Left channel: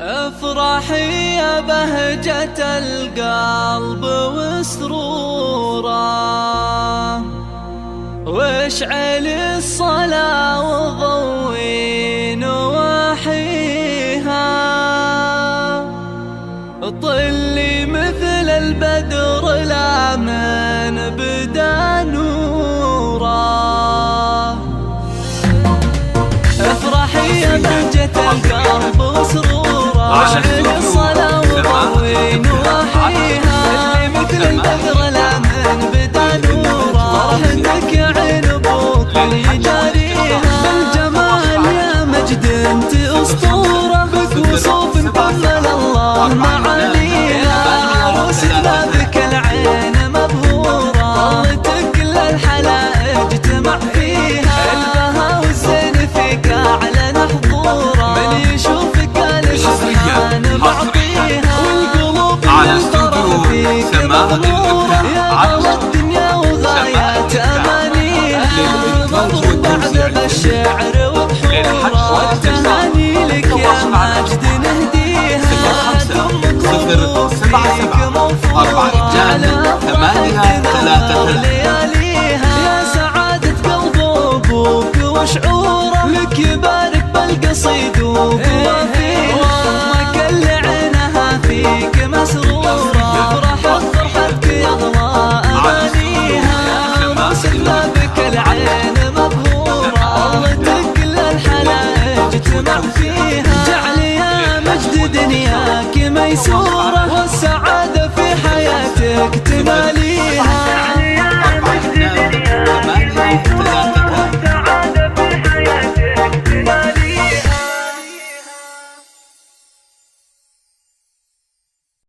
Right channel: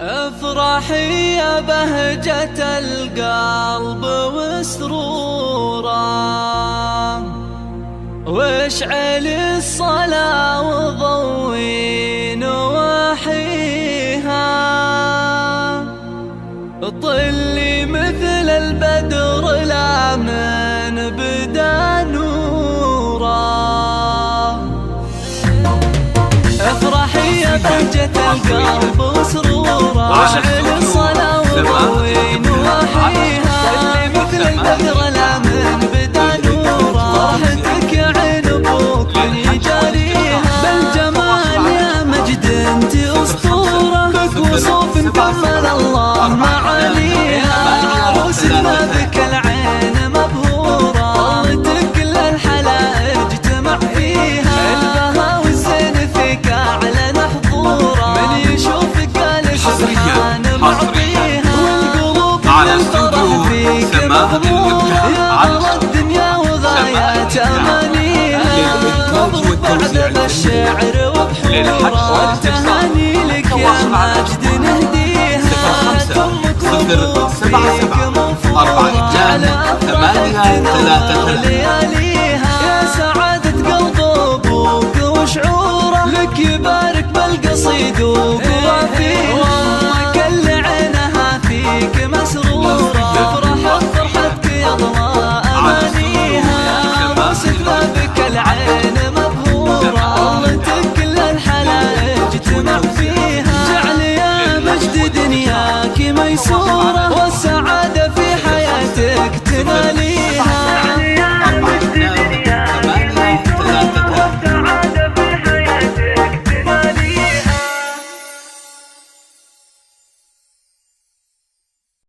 افرحي يا بهجة القلب وسروره، واشعلي الصلاة وضوي نواحيها، طلي مثل البدر لا من بدا نوره. افرحي يا بهجة القلب وسروره، واشعلي الصلاة وضوي نواحيها، طلي مثل البدر لا من بدا نوره. فرحتك يا عين ابوك من يجاريها، بالجمال يا مجد انت اسطوره، بكوصوف فضل الله معانيها. يا عروس بابك العين مبهوره، طلتك كل الحلائج اجتمع فيها، البها والزين فيك اعلن حضوره، من يشوفك قال سبحان معطيها. على استوديو سماء الإبداع، على استوديو سماء الإبداع للإنتاج والتوزيع بالشعر وبحوره، والتهاني لك يا ماجد نهديها. 0500742833 لياليها، يا سعادة قلب ابوك وشعوره، لك يبارك بالقصيد وقوافيها، وامك اللي عينها فيك مسروره، تفرح بفرحتك يغلى امانيها. يا عروس بابك العين مبهوره، طلتك كل الحلائج اجتمع فيها، جعل يا مجد دنياك ميسوره.